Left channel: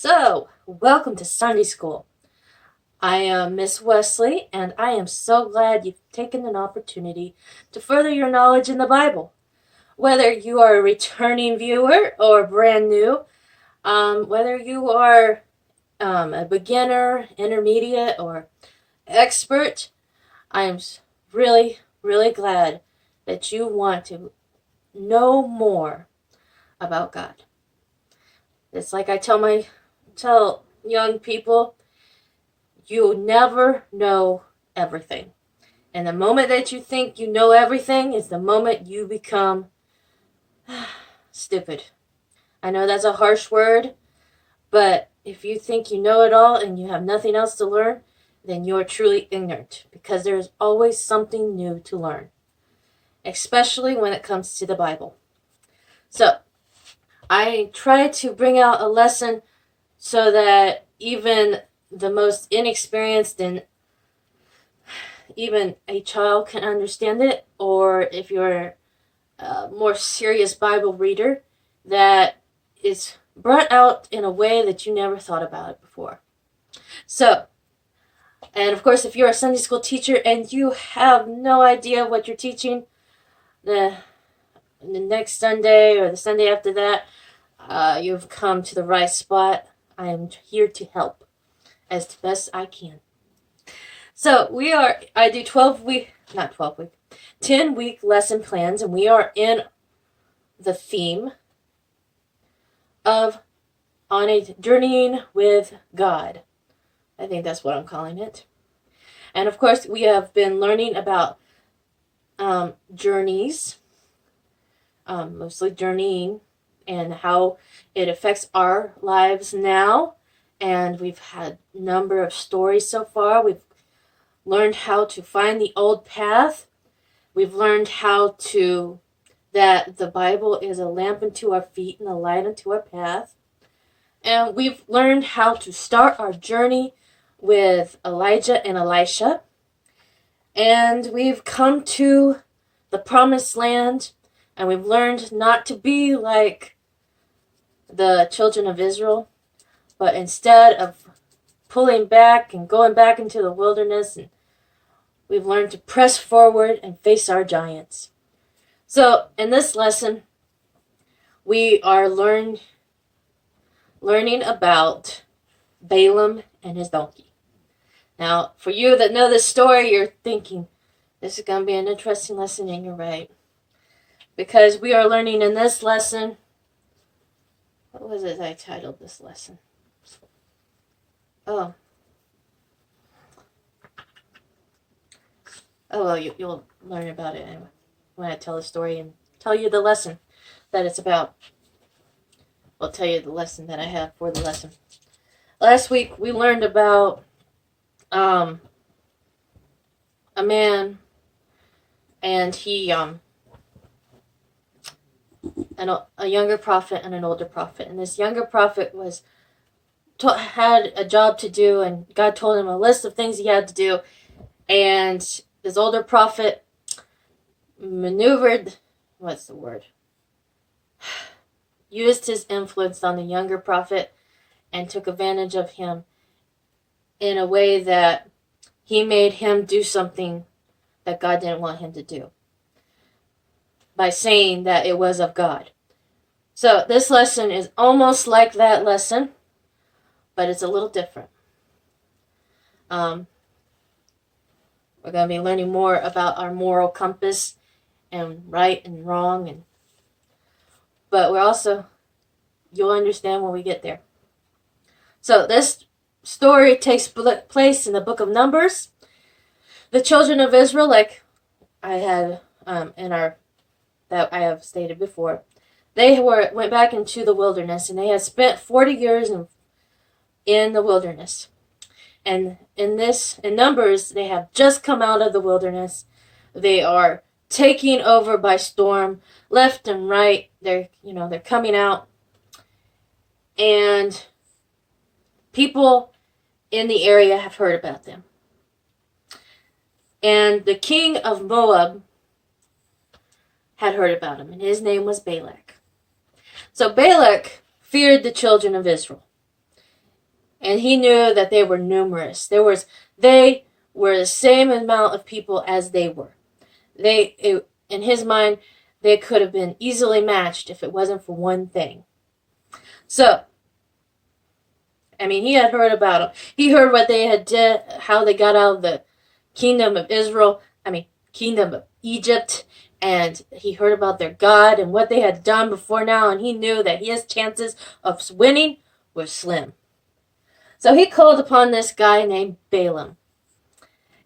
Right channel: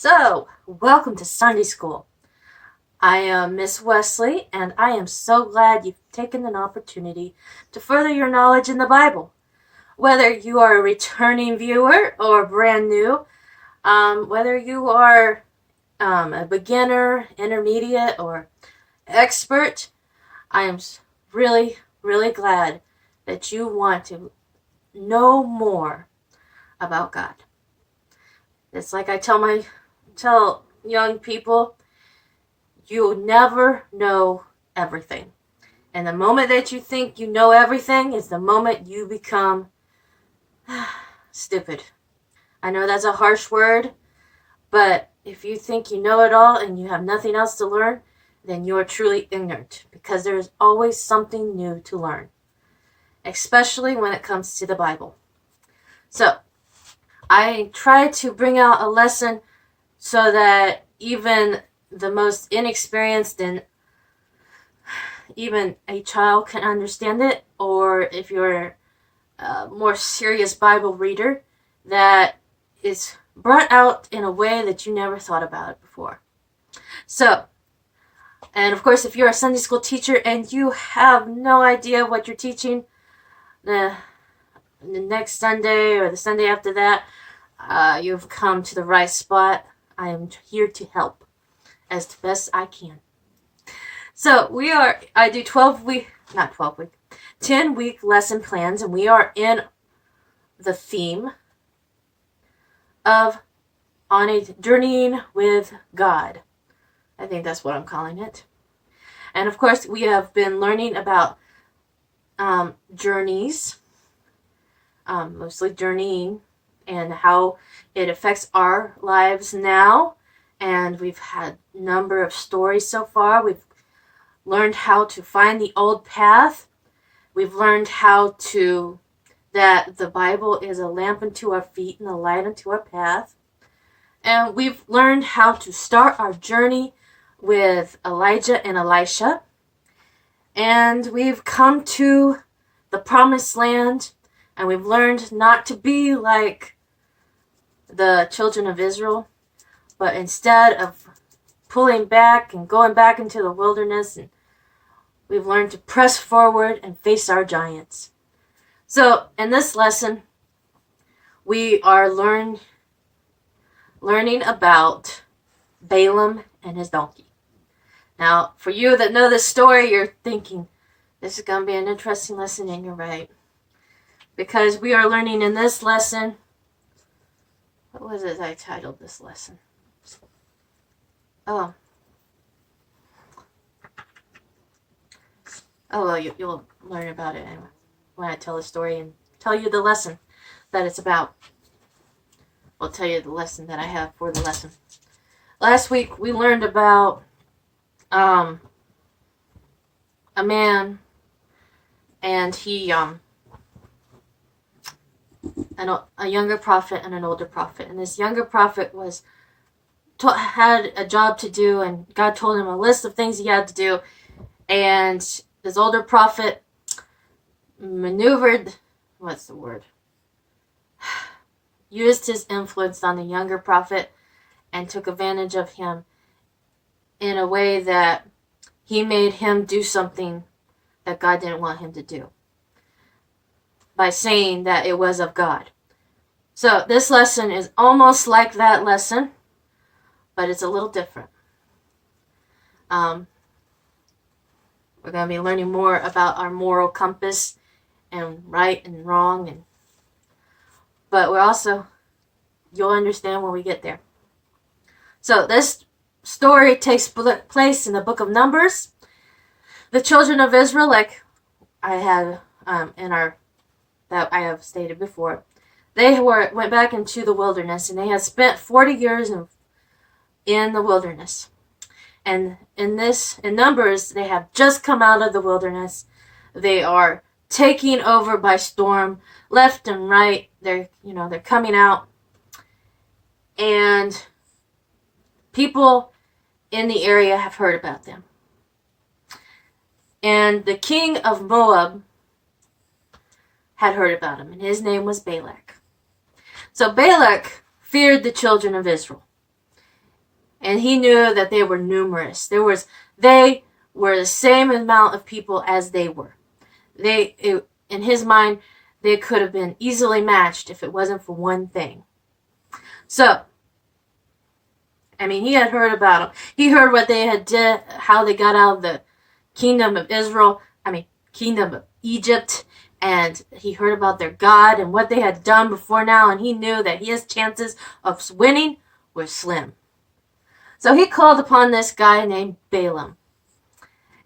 So, welcome to Sunday School. I am Miss Wesley, and I am so glad you've taken an opportunity to further your knowledge in the Bible. Whether you are a returning viewer or brand new, whether you are a beginner, intermediate, or expert, I am really, really glad that you want to know more about God. It's like I tell young people, you never know everything. And the moment that you think you know everything is the moment you become stupid. I know that's a harsh word, but if you think you know it all and you have nothing else to learn, then you are truly ignorant because there is always something new to learn, especially when it comes to the Bible. So, I try to bring out a lesson so that even the most inexperienced and even a child can understand it, or if you're a more serious Bible reader, that is brought out in a way that you never thought about it before. So, and of course, if you're a Sunday school teacher and you have no idea what you're teaching, the next Sunday or the Sunday after that, you've come to the right spot. I am here to help as best I can. So I do 10-week lesson plans, and we are in the theme of on a journeying with God. I think that's what I'm calling it. And of course, we have been learning about journeys, mostly journeying, and how it affects our lives now. And we've had a number of stories so far. We've learned how to find the old path. We've learned that the Bible is a lamp unto our feet and a light unto our path. And we've learned how to start our journey with Elijah and Elisha. And we've come to the promised land, and we've learned not to be like the children of Israel, but instead of pulling back and going back into the wilderness, and we've learned to press forward and face our giants. So, in this lesson, we are learning about Balaam and his donkey. Now, for you that know this story, you're thinking, this is going to be an interesting lesson, and you're right. Because we are learning in this lesson, what was it I titled this lesson? Oh, well, you'll learn about it anyway when I tell the story and tell you the lesson that it's about. I'll tell you the lesson that I have for the lesson. Last week, we learned about a man, and he, a younger prophet and an older prophet. And this younger prophet had a job to do, and God told him a list of things he had to do. And this older prophet used his influence on the younger prophet and took advantage of him in a way that he made him do something that God didn't want him to do by saying that it was of God. So this lesson is almost like that lesson, but it's a little different. We're going to be learning more about our moral compass and right and wrong, but you'll understand when we get there. So this story takes place in the book of Numbers. The children of Israel, like I had that I have stated before, they went back into the wilderness, and they had spent 40 years in the wilderness. And in Numbers, they have just come out of the wilderness. They are taking over by storm, left and right. They're coming out. And people in the area have heard about them. And the king of Moab had heard about him, and his name was Balak. So Balak feared the children of Israel. And he knew that they were numerous. They were the same amount of people as they were. In his mind, they could have been easily matched if it wasn't for one thing. So, he had heard about them. He heard what they had did, how they got out of the kingdom of kingdom of Egypt, and he heard about their God and what they had done before now, and he knew that his chances of winning were slim. So he called upon this guy named Balaam.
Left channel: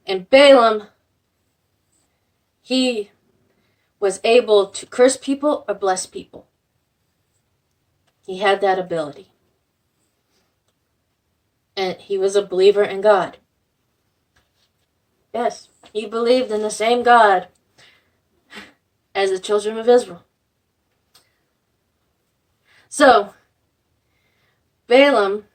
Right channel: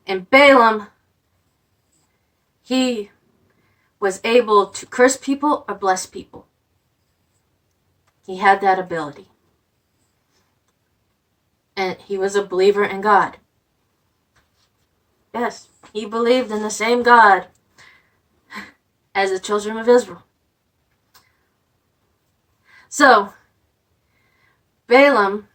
And Balaam, he was able to curse people or bless people. He had that ability. And he was a believer in God. Yes, he believed in the same God as the children of Israel. So, Balaam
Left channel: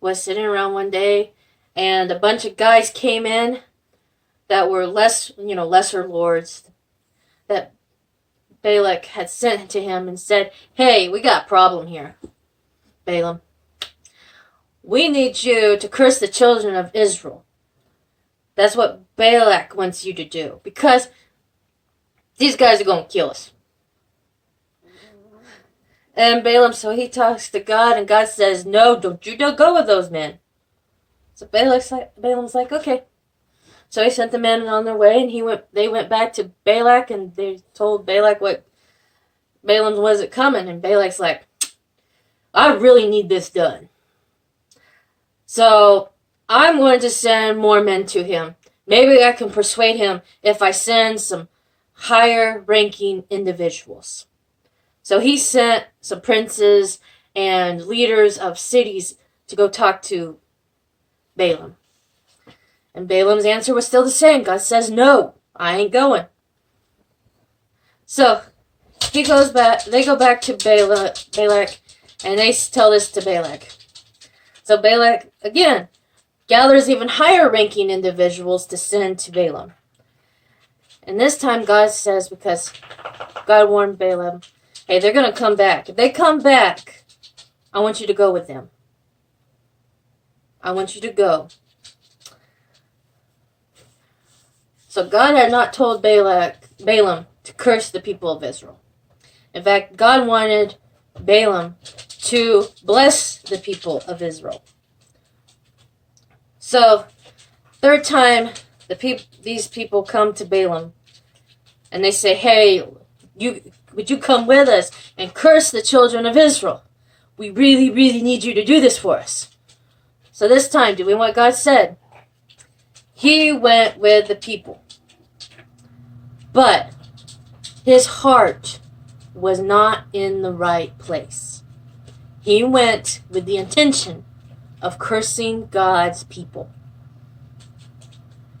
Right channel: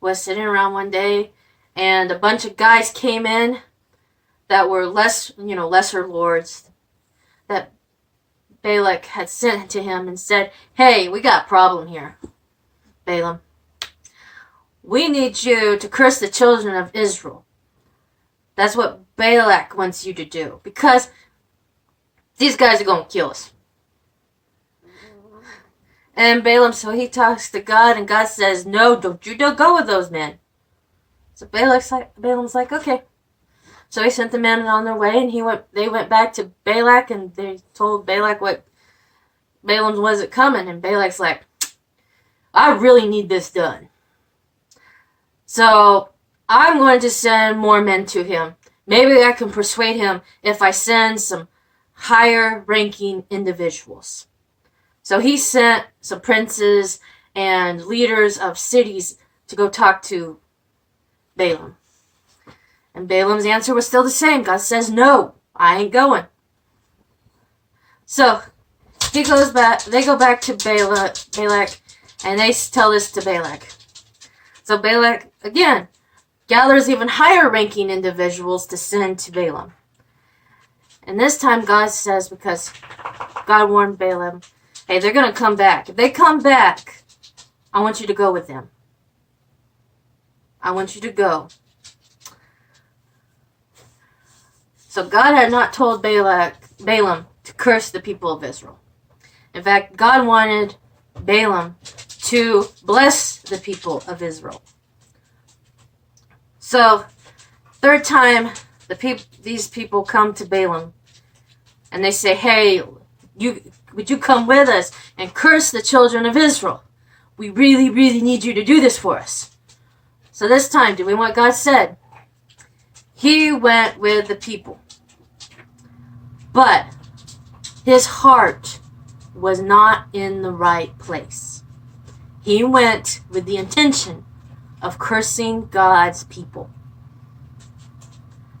was sitting around one day, and a bunch of guys came in that were lesser lords that Balak had sent to him and said, "Hey, we got a problem here, Balaam. We need you to curse the children of Israel. That's what Balak wants you to do, because these guys are going to kill us." And Balaam, so he talks to God, and God says, "No, don't you go with those men." So Balaam's like, okay. So he sent the men on their way, and they went back to Balak, and they told Balak what Balaam wasn't coming, and Balak's like, "I really need this done. So I'm going to send more men to him. Maybe I can persuade him if I send some higher ranking individuals." So he sent some princes and leaders of cities to go talk to Balaam. And Balaam's answer was still the same. God says, "No, I ain't going." So they go back to Balak, and they tell this to Balak. So Balak, again, gathers even higher ranking individuals to send to Balaam. And this time God says, because God warned Balaam, hey, they're going to come back. If they come back, I want you to go with them. I want you to go. So God had not told Balaam to curse the people of Israel. In fact, God wanted Balaam to bless the people of Israel. So, third time, these people come to Balaam, and they say, "Hey, would you come with us and curse the children of Israel? We really, really need you to do this for us." So this time, doing what God said, he went with the people. But his heart was not in the right place. He went with the intention of cursing God's people.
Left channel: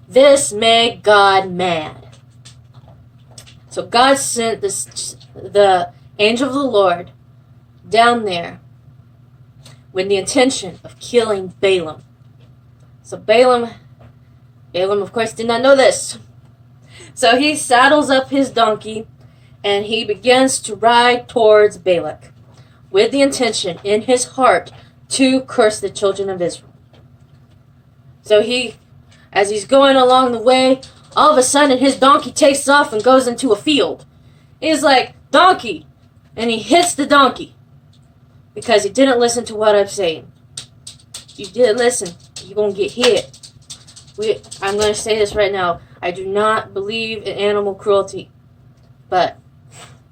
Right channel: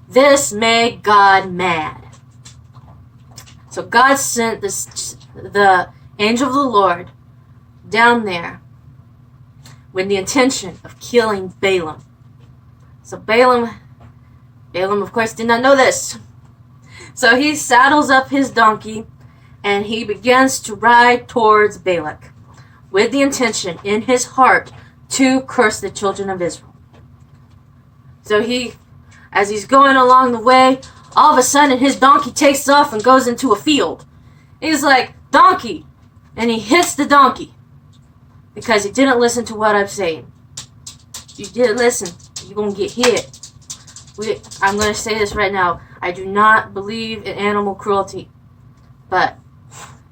This made God mad. So God sent the angel of the Lord down there with the intention of killing Balaam. So Balaam, of course, did not know this. So he saddles up his donkey and he begins to ride towards Balak with the intention in his heart to curse the children of Israel. So as he's going along the way, all of a sudden his donkey takes off and goes into a field. He's like, "Donkey!" And he hits the donkey because he didn't listen to what I'm saying. You didn't listen, you're going to get hit. I'm going to say this right now. I do not believe in animal cruelty. But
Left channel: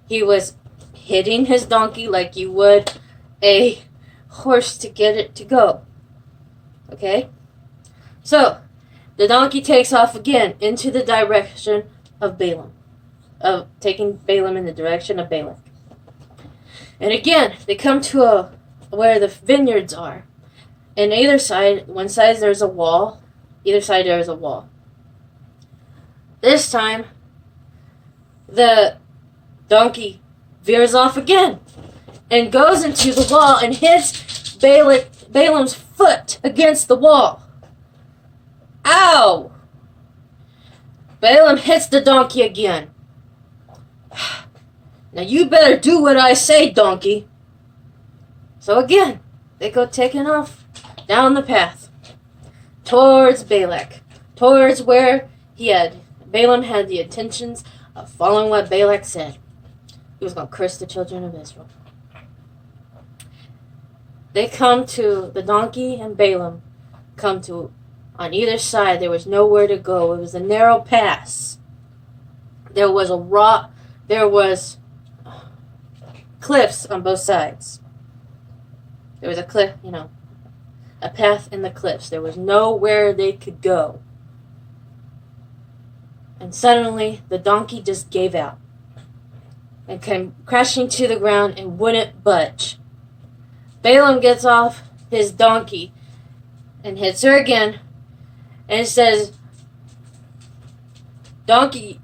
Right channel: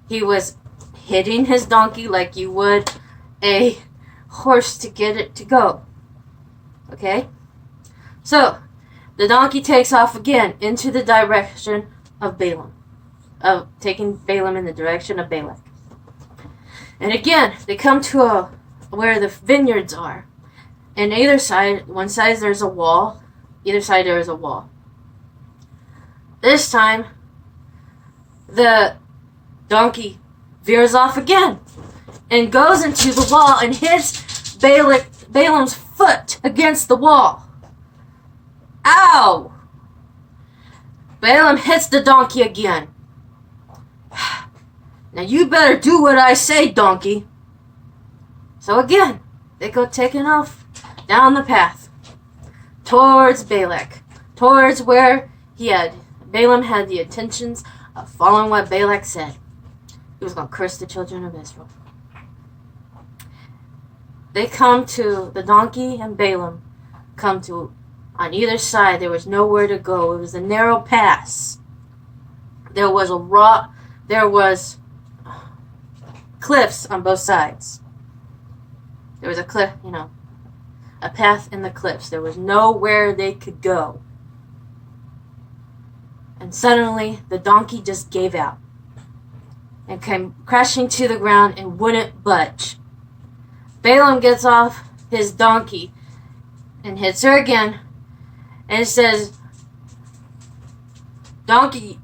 he was hitting his donkey like you would a horse to get it to go. Okay? So, the donkey takes off again into the direction of Balaam. Taking Balaam in the direction of Balak. And again, they come to where the vineyards are. And either side, one side there's a wall. Either side there is a wall. This time, the donkey veers off again and goes into the wall and hits Balaam's foot against the wall. Ow! Balaam hits the donkey again. "Now you better do what I say, donkey." So again, they go taking off down the path towards Balak, towards where Balaam had the intentions of following what Balak said. He was going to curse the children of Israel. They come to the donkey and Balaam come to on either side. There was nowhere to go. It was a narrow pass. There was a rock. There was cliffs on both sides. There was a cliff, a path in the cliffs. There was nowhere they could go. And suddenly the donkey just gave out and came crashing to the ground and wouldn't budge. Balaam gets off his donkey and hits her again and says, "Donkey."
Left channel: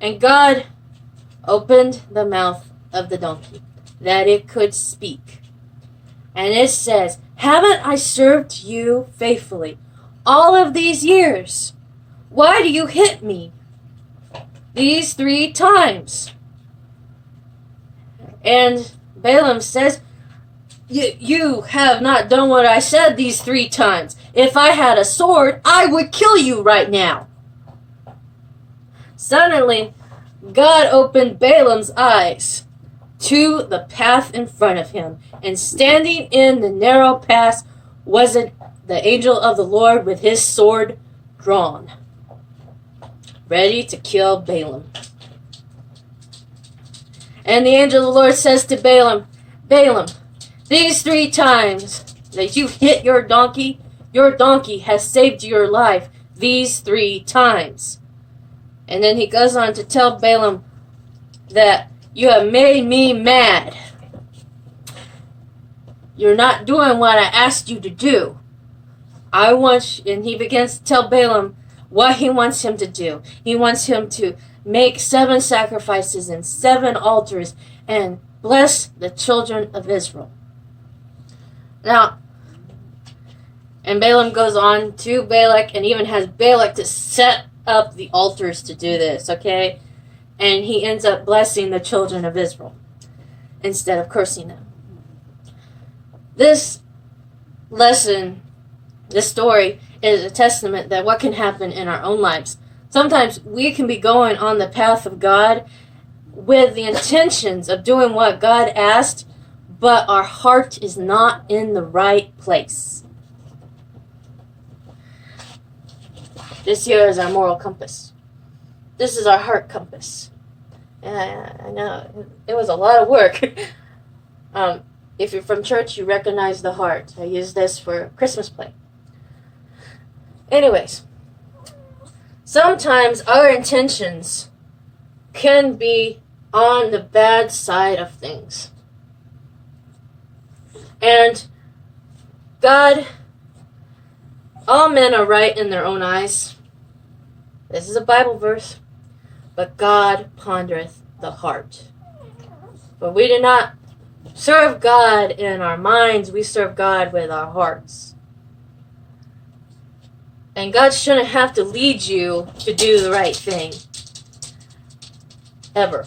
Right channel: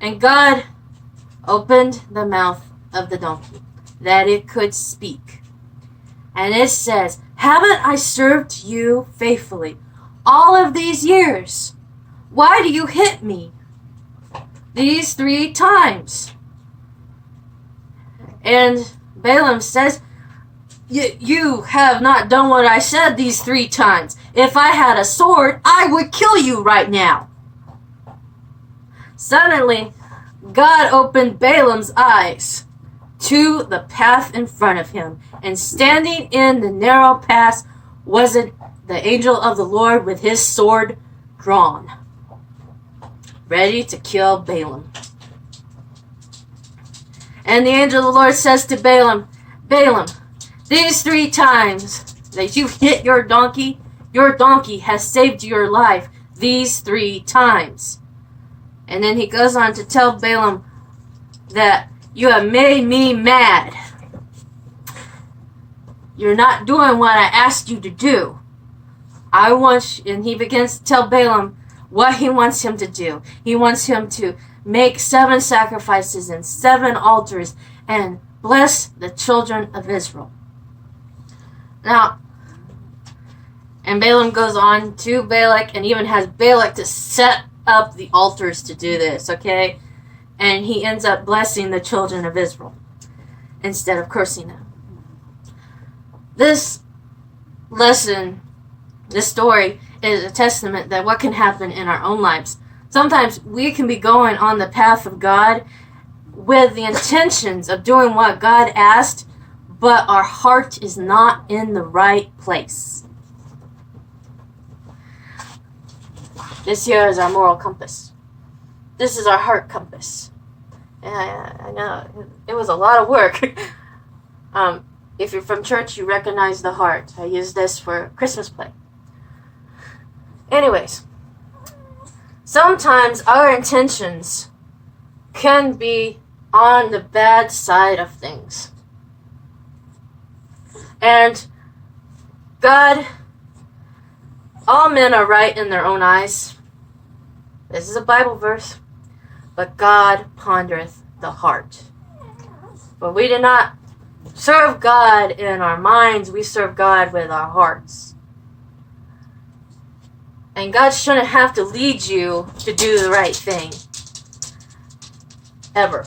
And God opened the mouth of the donkey that it could speak. And it says, "Haven't I served you faithfully all of these years? Why do you hit me these 3 times?" And Balaam says, You have not done what I said these 3 times. If I had a sword, I would kill you right now." Suddenly, God opened Balaam's eyes to the path in front of him, and standing in the narrow path was the angel of the Lord with his sword drawn, ready to kill Balaam. And the angel of the Lord says to Balaam, "Balaam, these 3 times that you hit your donkey has saved your life these 3 times. And then he goes on to tell Balaam that you have made me mad. You're not doing what I asked you to do. And he begins to tell Balaam what he wants him to do. He wants him to make 7 sacrifices and 7 altars and bless the children of Israel. Now, and Balaam goes on to Balak and even has Balak to set up the altars to do this, okay? And he ends up blessing the children of Israel instead of cursing them. This lesson, this story, is a testament that what can happen in our own lives. Sometimes we can be going on the path of God with the intentions of doing what God asked, but our heart is not in the right place. This here is our moral compass. This is our heart compass. Yeah, I know. It was a lot of work. If you're from church, you recognize the heart. I use this for Christmas play. Anyways, sometimes our intentions can be on the bad side of things. And God, all men are right in their own eyes. This is a Bible verse. But God pondereth the heart. For we do not serve God in our minds, we serve God with our hearts. And God shouldn't have to lead you to do the right thing. Ever.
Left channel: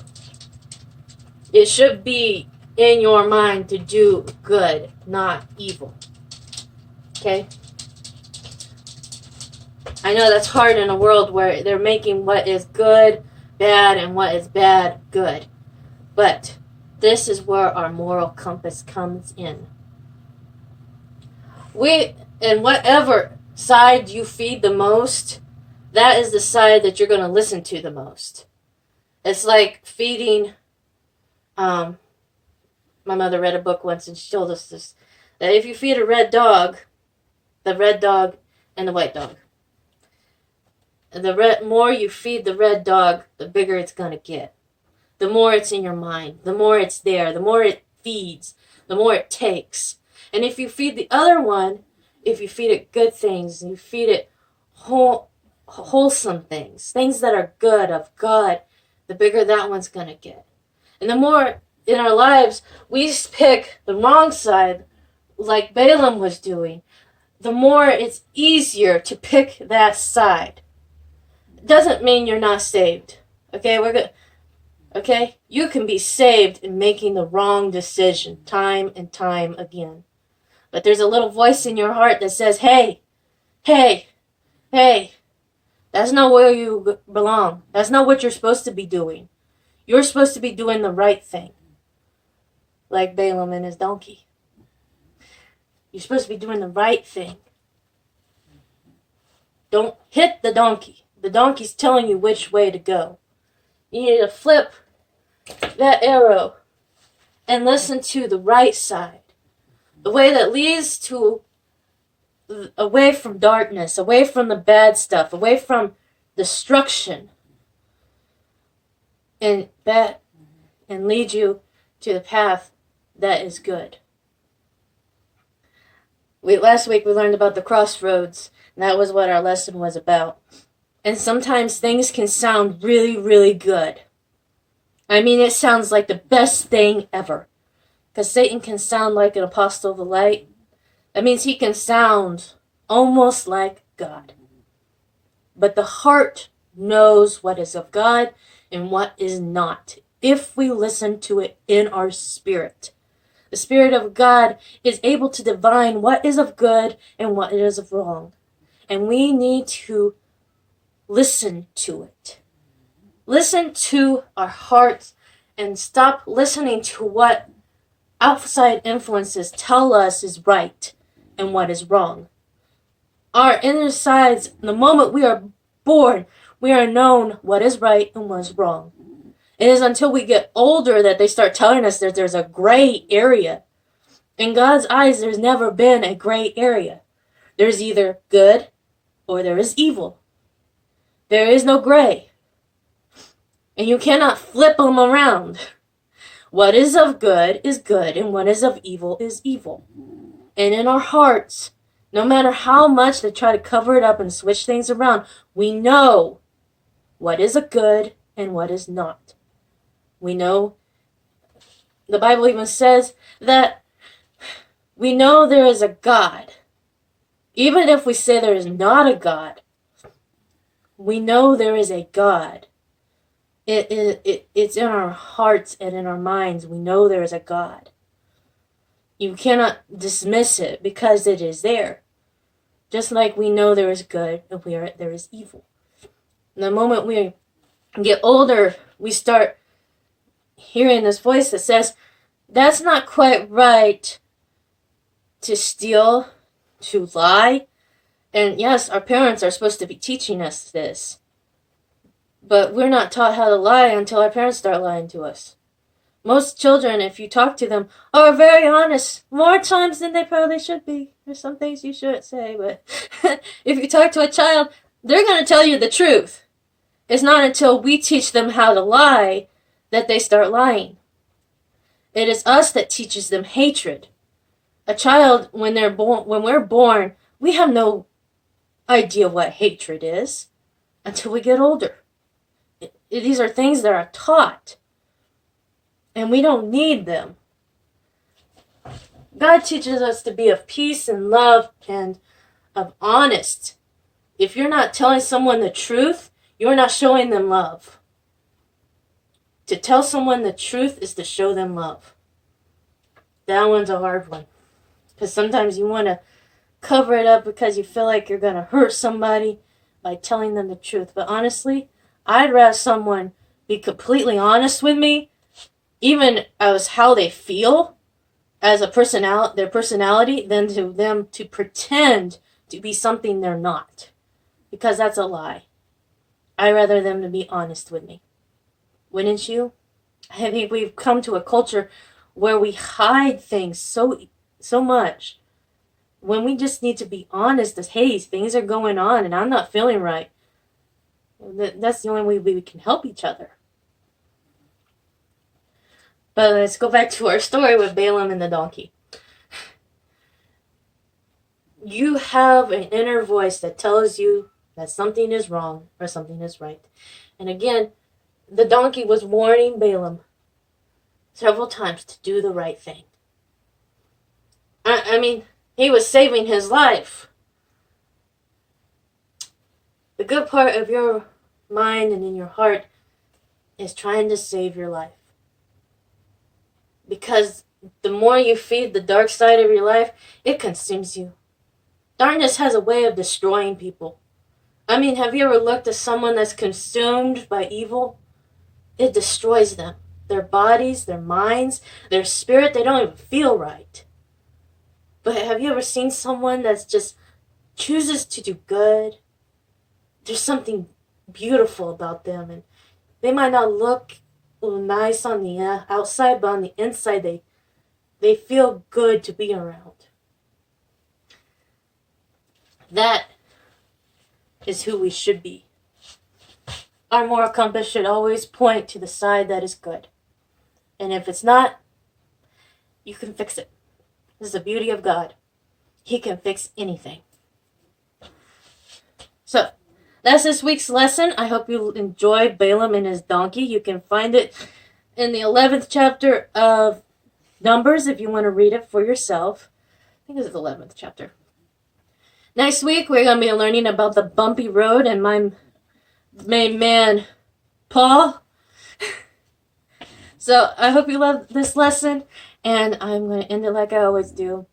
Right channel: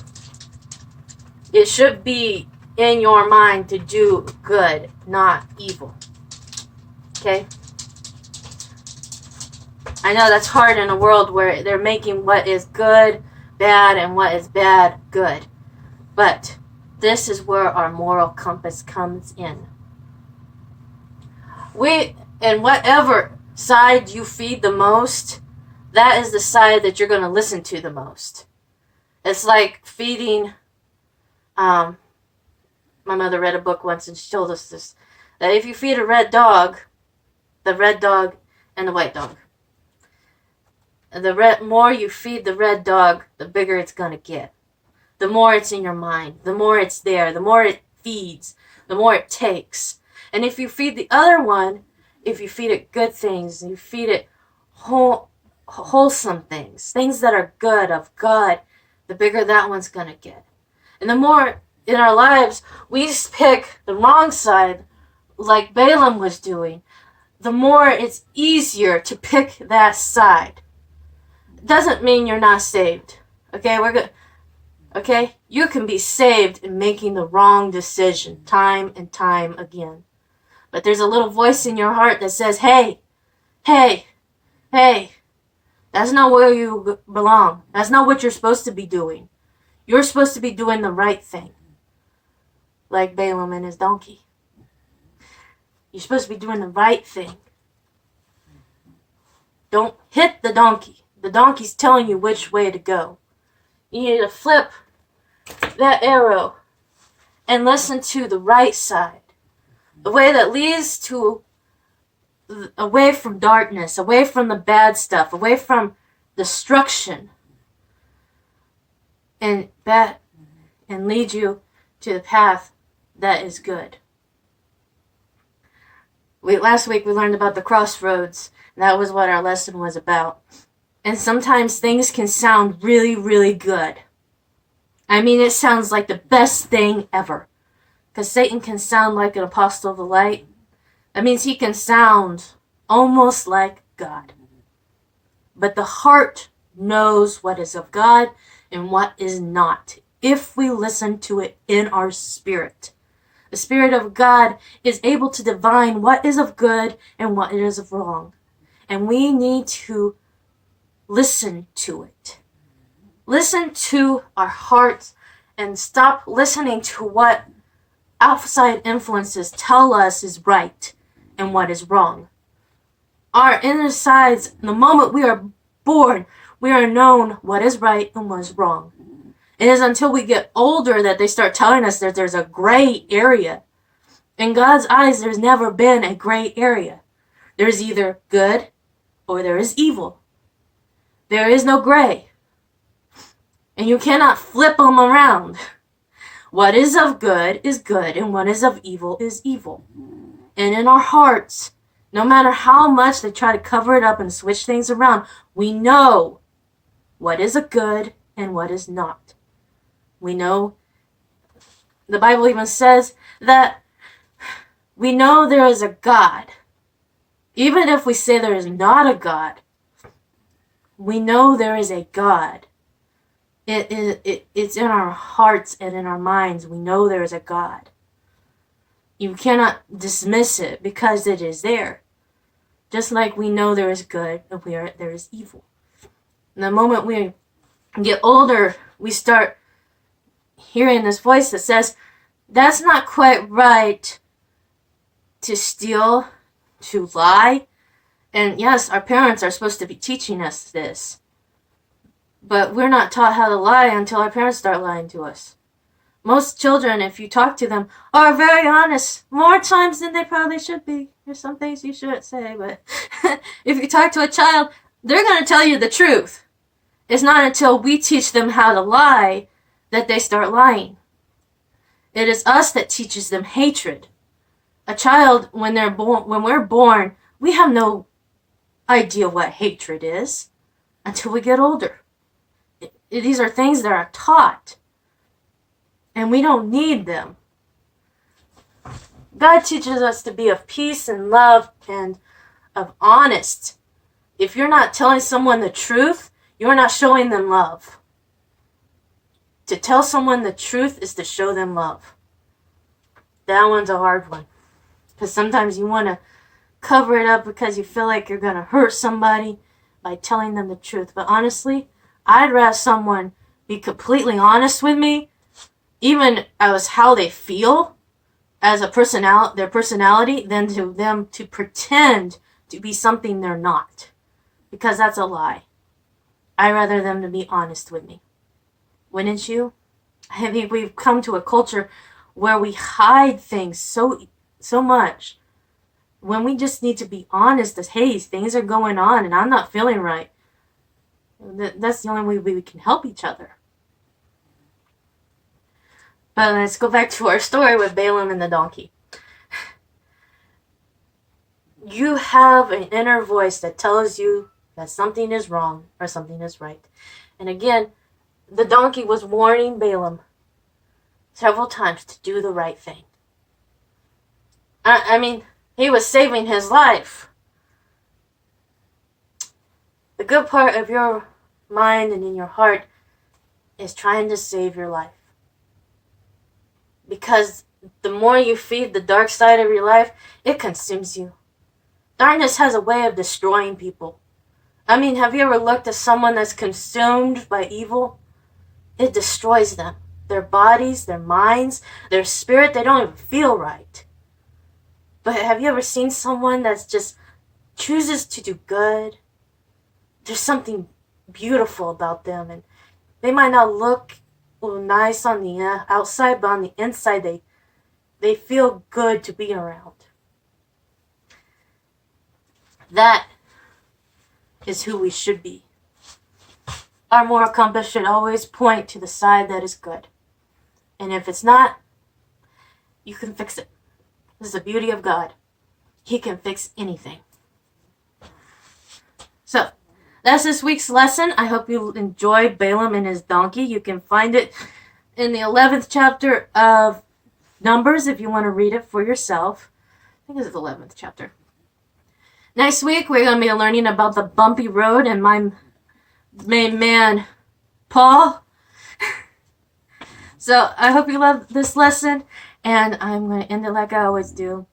It should be in your mind to do good, not evil. Okay? I know that's hard in a world where they're making what is good bad and what is bad good. But this is where our moral compass comes in. And whatever side you feed the most, that is the side that you're going to listen to the most. It's like feeding, my mother read a book once and she told us this, that if you feed a red dog, the red dog and the white dog, the more you feed the red dog, the bigger it's going to get. The more it's in your mind, the more it's there, the more it feeds, the more it takes. And if you feed the other one, if you feed it good things, you feed it wholesome things, things that are good, of God, the bigger that one's going to get. And the more in our lives we pick the wrong side, like Balaam was doing, the more it's easier to pick that side. It doesn't mean you're not saved. Okay, Okay? You can be saved in making the wrong decision time and time again. But there's a little voice in your heart that says, hey, hey, hey, that's not where you belong. That's not what you're supposed to be doing. You're supposed to be doing the right thing. Like Balaam and his donkey. You're supposed to be doing the right thing. Don't hit the donkey. The donkey's telling you which way to go. You need to flip that arrow and listen to the right side. The way that leads to away from darkness, away from the bad stuff, away from destruction, and lead you to the path that is good. Last week we learned about the crossroads, and that was what our lesson was about. And sometimes things can sound really, really good. I mean, it sounds like the best thing ever. Because Satan can sound like an apostle of the light. That means he can sound almost like God. But the heart knows what is of God and what is not, if we listen to it in our spirit. The Spirit of God is able to divine what is of good and what is of wrong. And we need to listen to it. Listen to our hearts and stop listening to what outside influences tell us is right and what is wrong. Our inner sides, the moment we are born, we are known what is right and what is wrong. It is until we get older that they start telling us that there's a gray area. In God's eyes, there's never been a gray area. There's either good or there is evil. There is no gray. And you cannot flip them around. What is of good is good, and what is of evil is evil. And in our hearts, no matter how much they try to cover it up and switch things around, we know what is a good and what is not. We know, the Bible even says that we know there is a God. Even if we say there is not a God, we know there is a God. It's in our hearts and in our minds. We know there is a God. You cannot dismiss it because it is there. Just like we know there is good and there is evil. And the moment we get older, we start hearing this voice that says, that's not quite right to steal, to lie. And yes, our parents are supposed to be teaching us this. But we're not taught how to lie until our parents start lying to us. Most children, if you talk to them, are very honest. More times than they probably should be. There's some things you shouldn't say, but if you talk to a child, they're going to tell you the truth. It's not until we teach them how to lie that they start lying. It is us that teaches them hatred. A child, when we're born, we have no idea what hatred is until we get older. These are things that are taught, and we don't need them. God teaches us to be of peace and love and of honest. If you're not telling someone the truth, you're not showing them love. To tell someone the truth is to show them love. That one's a hard one. Because sometimes you want to cover it up because you feel like you're going to hurt somebody by telling them the truth. But honestly, I'd rather someone be completely honest with me, even as how they feel as a their personality, than to them to pretend to be something they're not. Because that's a lie. I'd rather them to be honest with me. Wouldn't you? I think we've come to a culture where we hide things so much when we just need to be honest as, hey, things are going on and I'm not feeling right. That's the only way we can help each other. But let's go back to our story with Balaam and the donkey. You have an inner voice that tells you that something is wrong or something is right. And again, the donkey was warning Balaam several times to do the right thing. I mean, he was saving his life. The good part of your mind and in your heart is trying to save your life. Because the more you feed the dark side of your life, it consumes you. Darkness has a way of destroying people. I mean, have you ever looked at someone that's consumed by evil? It destroys them. Their bodies, their minds, their spirit, they don't even feel right. But have you ever seen someone that's just chooses to do good? There's something beautiful about them, and they might not look nice on the outside, but on the inside, they feel good to be around. That is who we should be. Our moral compass should always point to the side that is good. And if it's not, you can fix it. This is the beauty of God. He can fix anything. So, that's this week's lesson. I hope you enjoy Balaam and his donkey. You can find it in the 11th chapter of Numbers if you want to read it for yourself. I think it's the 11th chapter. Next week, we're going to be learning about the bumpy road and my main man, Paul. So I hope you love this lesson, and I'm going to end it like I always do.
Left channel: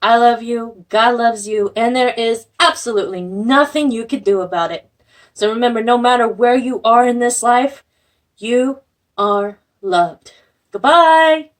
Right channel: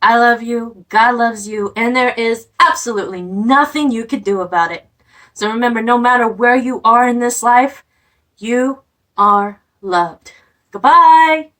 I love you, God loves you, and there is absolutely nothing you can do about it. So remember, no matter where you are in this life, you are loved. Goodbye.